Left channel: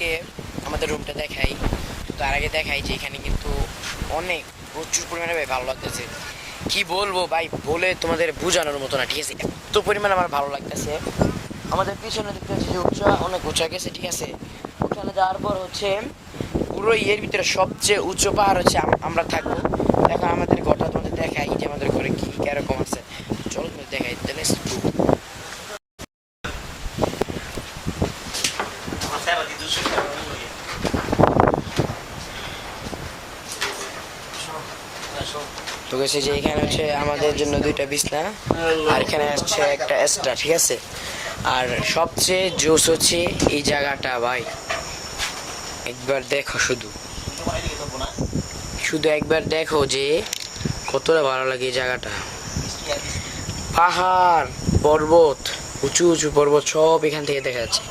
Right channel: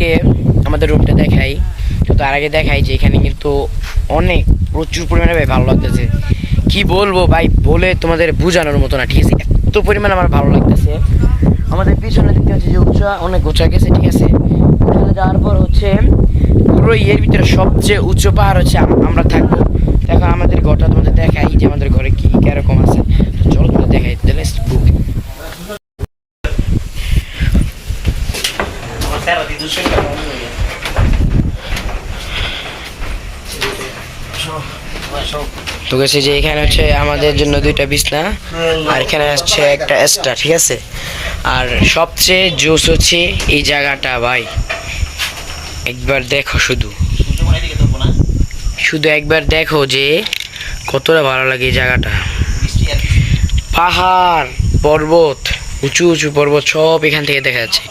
তোমাদেরকে আমাদের রুমটা দেখাই, তো তার আগে দেখাই যে এখানে কিন্তু অনেক প্রচুর পরিমাণে ভাই ভালো লাগতেছে। কি বলবো ভাই, বলে তোমাদের বোঝানোর মতো না, ঠিক আছে? এত পরিমাণে আমার ভালো লাগতেছে। আমাদের পিছনে দেখতে পাচ্ছি যে অনেক উঁচা গেছে, ঠিক আছে? ওখানে যাওয়ার পর হচ্ছে পুরো এর ভিতরে সবচেয়ে উচ্চ পাহাড় হচ্ছে আমরা থাকবো। এখন আমাদের ঘরটা তোমাদের দেখাই যে আমাদের ঘরে কি কিরকম আছে। চলো তোমাদের দেখাই। তো গেছে যে এখানে হচ্ছে আমাদের জন্য দুইটা বিছনা, আর এখানে হচ্ছে একটা এক্সট্রা, ঠিক আছে? আর সবচেয়ে জোস হচ্ছে এই জায়গাটা ভাই, একবার দেখো, শুধু শুধু একবার দেখো যে কতটা ভালো লাগে এই জায়গাটা। পাহাড়, পর্বত, উঁচু উঁচু পর্বত সব এখান থেকে দেখা যাচ্ছে।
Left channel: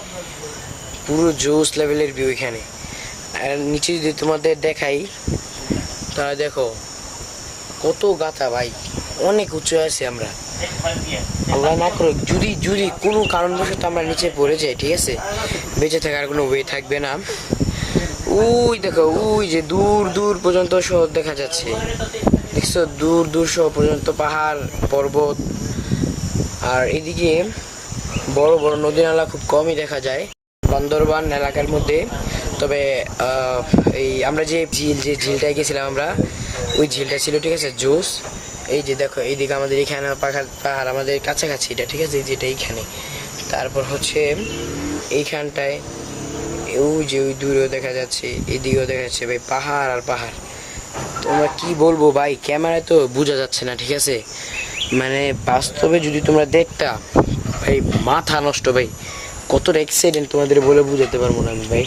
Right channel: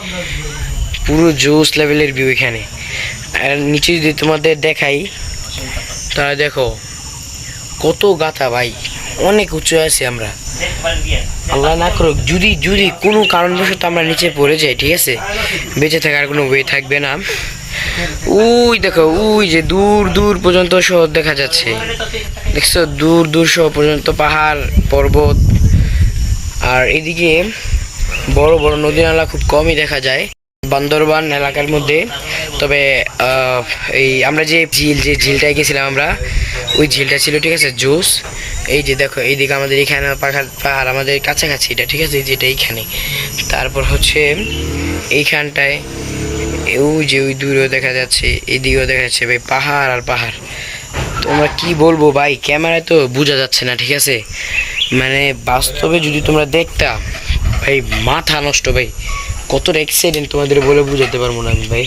পুরো জোস লেভেলের ভিউ এখানে। আর নিচে যদি তোমাদের দেখাই, তাহলে দেখো কত গাথা ভাই, অনেক উঁচু আছি আমরা। আল্লাহ না করুক যদি যদি কোনো কারণবশত আমরা নিচে পড়ে যাই, ঠিক আছে, বেঁচে থাকার কোনো ওয়ে থাকবে না। ওই দেখো, ওই যে দূর দূর পর্যন্ত শহর দেখা যাচ্ছে, দেখছো? দূর দূর শহর পর্যন্ত পাহাড়, পর্বত। আর এদিকে বড় বড় নদী নালা খুব কমই দেখা যায় বান্দরবান এলাকার মধ্যে। তবে এই আমরা যে ঝিলটায় গেছিলাম আমরা, ওই ঝিলটা ছিল, ঠিক আছে, জোস। এই যে দেখো এইদিকে আমাদের এখানে পাহাড় আমাদের কাছাকাছি এটা, ঠিক আছে, যেটা এইখানে। তারপর হচ্ছে এইখানটায় ওই যে ওই দূরেও দেখা যাচ্ছে, এইদিকেও দেখা যাচ্ছে ভাই পাহাড় আর পাহাড়। তোমরা কি বলবো ভাই, ক্যামেরায় তো বোঝা যাচ্ছে না, ঠিক আছে? মানে বাস্তবে যদি তোমরা দেখতা ভাই, মাথা নষ্ট ভাই, কত এক্সাইটেড তোমাদের বলে বুঝাতে পারবো না আমি ভাই।